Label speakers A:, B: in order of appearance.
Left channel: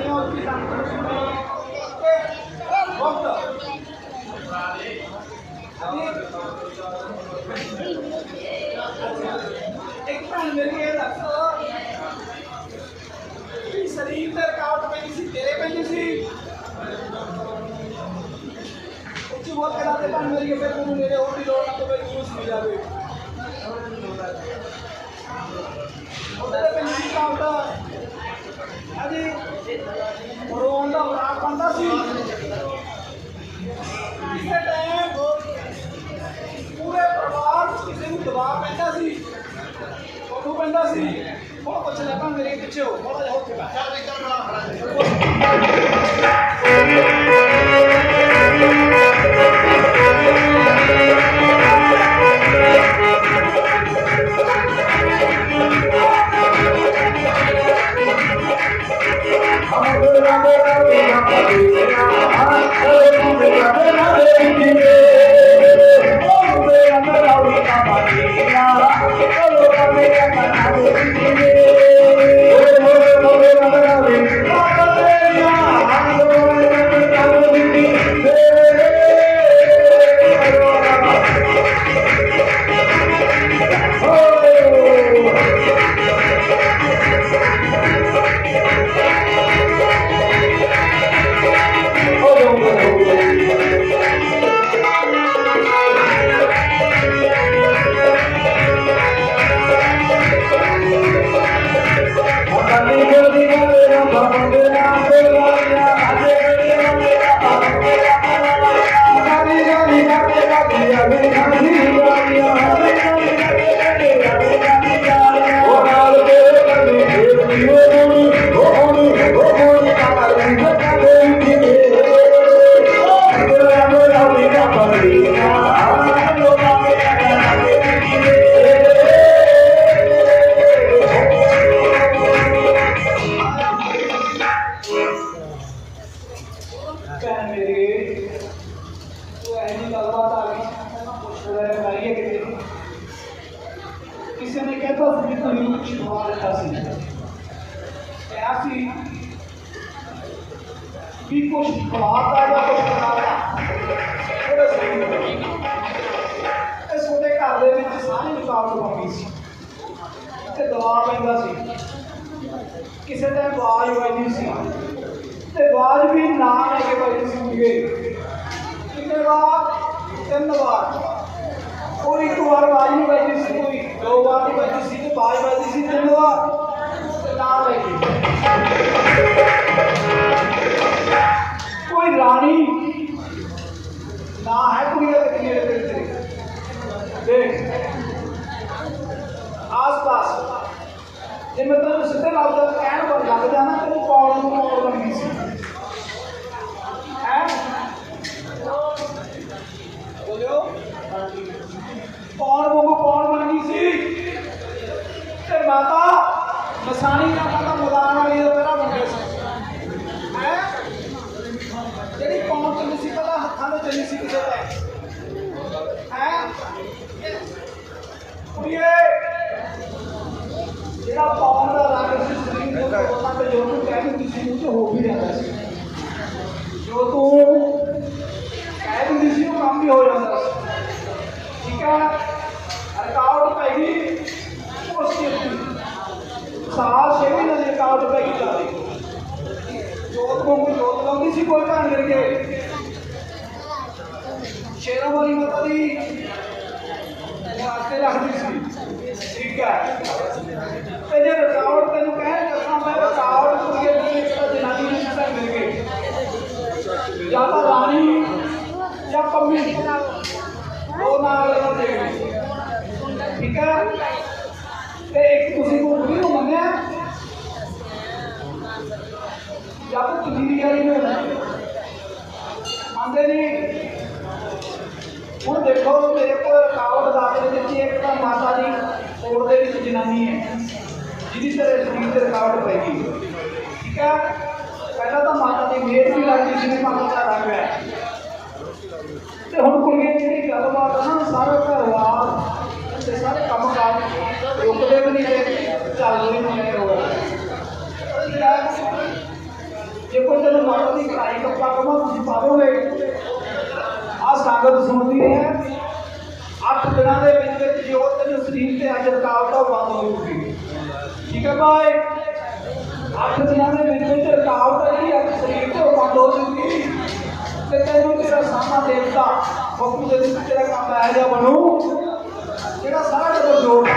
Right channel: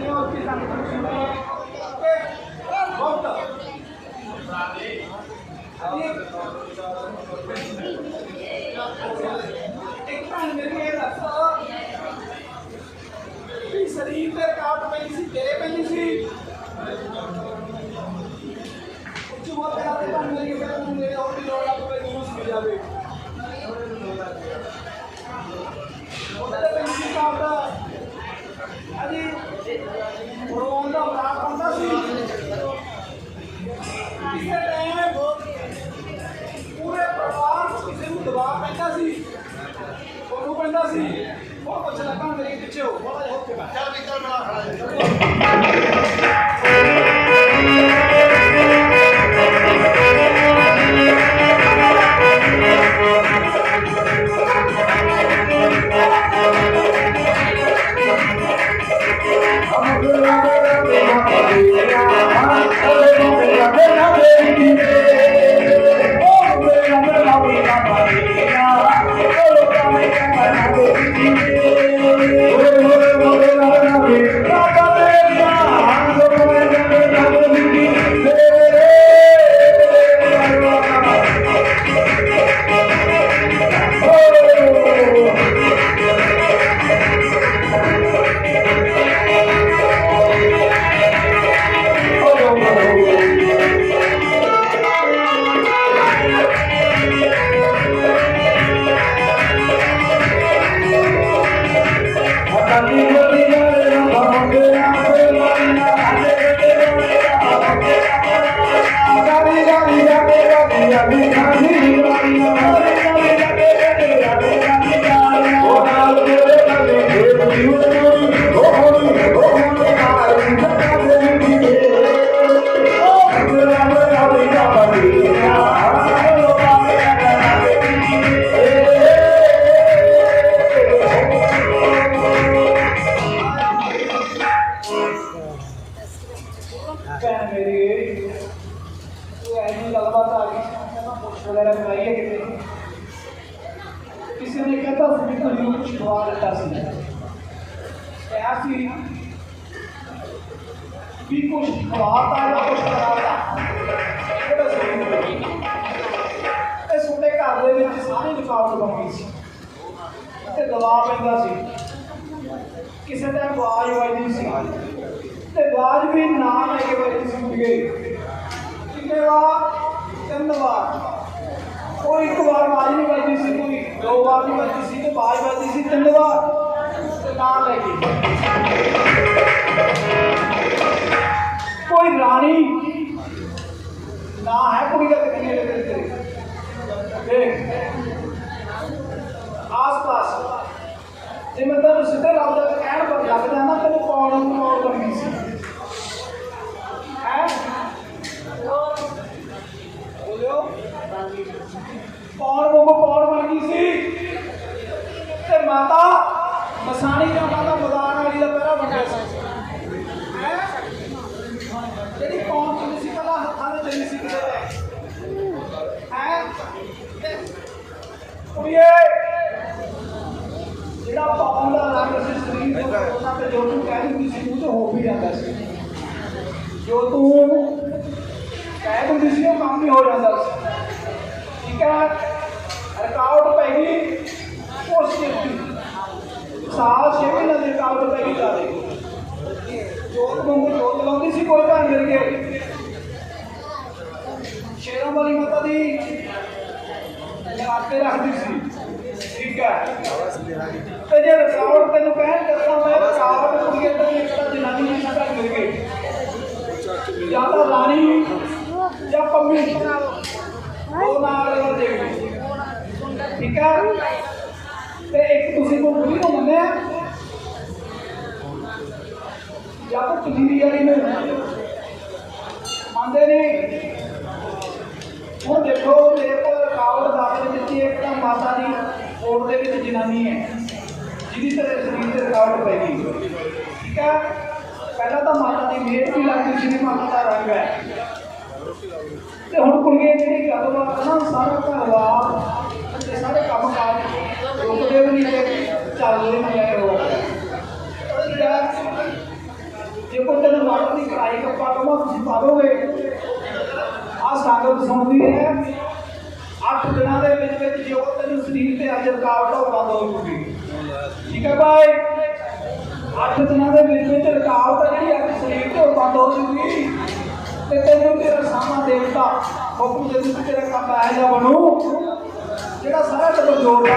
A: ਕਰਨੀਆਂ ਉੱਚੀ ਸੰਗਤ ਨੂੰ ਸੁਣੇ ਓਕੇ ਬਹੁਤ ਇੱਕ ਭੈਣ ਮੇਰੀ ਇਹ ਦੱਸੋ। ਵੀ ਸਰੀਰ ਤੇ ਰਕਾਵਟ ਪੈਂਦੀ ਸੀ, ਤੇਰੇ ਪੈਂਦੀ ਸੀ। ਉੱਚੀ ਬੋਲ ਕੇ ਲਾਦੇ ਭੈਣ ਮੇਰੀ ਫਿਰ ਤੈਨੂੰ ਮੇਰੇ ਹੋਰ ਦੀ ਲੋੜ ਨਾ ਪਵੇ ਤੂੰ ਸੁਣ ਜਾਵੇ। ਉਹਦੇ ਤੇ ਪੈਂਦੀ ਸੀ ਰਕਾਵਟ। ਅਜੀ ਰੋਣ ਦਾ ਬੜਾ ਪੰਦਾ ਸੀ। ਕਿਸੇ ਟਾਈਮ ਪੂਰੇ ਪਰਿਵਾਰ ਕਿਸੇ ਨੂੰ ਦਬਾਅ ਪੈਂਦਾ ਸੀ। ਉਹਨੂੰ ਪੈਂਦਾ ਸੀ ਉਹ ਪੁੱਛ ਲੱਗਾ ਮੇਰੇ ਪਿੱਛੇ ਹੋ ਬੜਾ ਹੋ ਕੇ ਬੈਠ ਭੈਣ ਮੇਰੀ ਉਹ ਐਨੀ ਗੱਲਬਾਤ ਆ ਗਈ, ਮੈਂ ਪੁੱਛ ਵਗੈਰਾ ਕਰਾਈਏ ਕਿਤੇ ਕਿਸੇ ਨੇ ਕਹਿੰਦਾ ਸੀ ਕਿ ਕੋਈ ਨੂੰ ਛੁਪਾ ਦਿੱਤਾ ਸੀ। ਕਿਹਾ ਸੀ ਵੀ ਕੁਛ ਖਵਾਤਾ ਜਾਂ ਕੁਛ ਕਰਾਤਾ ਇਹ ਦੱਸੋ ਘਰ ਦੇ ਵਿੱਚ ਸਾਰੀ ਰੁਕਾਵਟ ਬਣ ਗਈ ਸੀ। ਤੇ ਦਬਾਅ ਪੈਂਦਾ ਸੀ। ਕਿਸੇ ਦਾ ਆਵਾਜ਼ ਨਹੀਂ ਸੀ। ਤੇ ਆਵਾਜ਼ ਵੀ ਨਾ ਲੈ ਕੇ ਵੱਜਦੀ ਸੀ ਮੁਰਗੇ ਕਿੰਨੇ ਵਾਰ ਤਿੰਨ ਵਾਰ ਕੋਈ ਇੱਕ ਵਾਰ ਆਵਾਜ਼ ਨਹੀਂ ਵੱਜਦੀ ਸੀ ਕੋਈ ਦੋ ਵਾਰ ਨਹੀਂ ਵੱਜਦੀ ਸੀ ਤੇ ਆਵਾਜ਼ ਵੱਜਦੀ ਸੀ ਤਿੰਨ ਵਾਰ ਤੇ ਨਾ ਲੈ ਕੇ ਕੋਈ ਰਾਣੀ ਨਾ ਹੈ ਕੁੜੀ ਦਾ ਤੇ ਕਿੰਨੇ ਦੇ ਤੇਰੇ ਦੇਖ ਆਸ ਪਾਸ ਜੇ ਮੈਂ ਤੈਨੂੰ ਸਿੱਧੇ ਲਾਉਂਦਾ ਤਾਂ ਕਹਿਣ ਪਰ ਲੱਗ ਜਾਣਾ ਤੈਨੂੰ ਕੌਣ ਨੂੰ ਕੌਣ ਬਣਨੀ ਸੀ ਮਾਤਾ, ਮਸਾਣੀ ਦਾ ਮਾਤਾ ਮਦਾਨ ਵਾਲੀ ਦਾ ਤੇਰਾ ਬਣ ਸੀ। ਹੈ? ਜਿਹੜੀ ਕੌਣ ਚੱਲੀ ਸੀ ਪਤਾ ਹੱਥਾਂ ਦੇ ਚੱਲੀ ਸੀ ਕਿਸੇ ਹੈ? ਕੁੜੀਏ, ਜਿਹੜਾ ਪਾਵਨ ਦਾ ਰੰਗ ਸੀ, ਸਰੀਰ ਦੇ ਉਹਨਾਂ ਤੇ ਜੋ ਤੂੰ ਕਹਿ ਦਿੰਦੀ ਸੀ, ਉਹ ਤੇ ਹੋ ਵੀ ਜਾਂਦਾ ਸੀ। ਜੋ ਤੂੰ ਕਹਿ ਦਿੰਦੀ ਸੀ ਉਹ ਕੰਮ ਵੀ ਹੋ ਜਾਂਦਾ ਸੀ ਠੀਕ ਹੈ ਰਕਾਵਟ ਪੈ ਗਈ ਉਸ ਚੀਜ਼ ਦੀ ਸਾਲ ਛੇ ਮਹੀਨੇ ਦੀ ਰਕਾਵਟ ਪੈ ਗਈ ਜਾਦੇ ਜੋਤ ਨੂੰ ਜੋਤ ਲਾਉਂਦੀ ਸੀ ਕੋਈ ਭੈਣ ਮਿਲ ਕੇ। ਸ਼ੇਰਾਂ ਵਾਲੀ ਮਾਤਾ ਦੀ ਆਤੇ ਰੱਖਦੀ ਸੀ। ਠੀਕ ਹੈ। ਤੇ ਜੇ ਰਕਾਵਟ ਤੈਨੂੰ ਕਹਿਣ ਚੱਲਦਾ ਮੈਂ ਰਕਾਵਟ ਕੁੜੀਏ ਤੇ ਇੱਕ ਜਨਾਨੀ ਦੀ ਨਾ ਮਿਲ ਗਈ। ਜਾਂ ਤਾਂ ਰਾਣੀ ਜਾਂ ਪੰਮੀ। ਉਹ ਨਾਲ ਦੇ ਠੀਕ ਹੈ। ਤੇ ਇੱਕ ਤੁਸੀਂ ਮੰਨਦੇ ਨਹੀਂ ਹੁਣ ਦੇਖੋ, ਮੇਰੇ ਕੋਲ ਰਕਾਵਟ ਦੱਸ ਰਹੀ ਦਿੱਤੀ ਇੱਕ ਤਾਂ ਮਾਤਾ ਦੀ ਕੋਲ ਦੇ ਵਿੱਚ ਜਨਾਨੀ ਹੈ, ਜਿਹਦੀ ਤਰ੍ਹਾਂ ਸਰੀਰ ਤੇ ਰਕਾਵਟ ਪੈ ਗਈ ਠੀਕ ਹੈ ਪਹਿਲਾਂ ਤਾਂ ਮਾਤਾ ਦੀ ਮਿਹਰ ਵੀ ਲੱਗਦੀ ਸੀ ਮਾਤਾ ਦਾ ਰੰਗ ਹੈ। ਤੇ ਹੁਣ ਕੁੜੀਆਂ ਜਿਹੜੀ ਗੱਲਬਾਤ ਨਾ, ਸਾਰਾ ਘਰਵਾਰ ਤੇ ਸਾਰੇ ਕੰਮ ਕਾਜ ਰੁਕਦੇ ਵੀ ਨਹੀਂ ਹੈ ਚੱਲਦੇ ਵੀ ਨਹੀਂ ਹੈ ਉਹ ਠੀਕ ਹੈ ਜਦੋਂ ਤੈਨੂੰ ਮਾਰਨ ਦੀ ਕੜਾਈ ਕੱਪੜਾ ਕਮਾ ਤੁਸੀਂ ਪਾਵੋਗੇ ਆ ਸੰਗਤ ਸੁਣਦੀ ਹੈ ਅੱਠ ਦਿਨਾਂ ਦੇ ਵਿੱਚ ਵਿੱਚ ਜੋ ਤੈਨੂੰ ਸਰੀਰ ਤੇ ਅੱਜ ਰਕਾਵਟ ਆ ਉਹ ਬੰਦ ਹੋ ਜੂਗੀ ਠੀਕ ਹੈ ਭਾਈ ਅੱਠ ਦਿਨਾਂ ਦੇ ਵਿੱਚ ਵਿੱਚ ਰਕਾਵਟ ਆ ਜਿਹੜੀ ਅੱਜ ਸਰੀਰ ਤੇ ਉਹ ਬੰਦ ਹੋ ਜੂਗੀ। ਤੇ ਤੈਨੂੰ ਤੇਰਾ ਸਾਮਾ ਦੇਵਤਾ ਹੁਕਮ ਦੇ ਵਿੱਚ ਤੇਰਾ ਕੰਮ ਆਇਆ ਜਾ ਬਣੂ, ਜਿਹੜਾ ਸਾਰਾ ਜਦੋਂ ਜੋੜ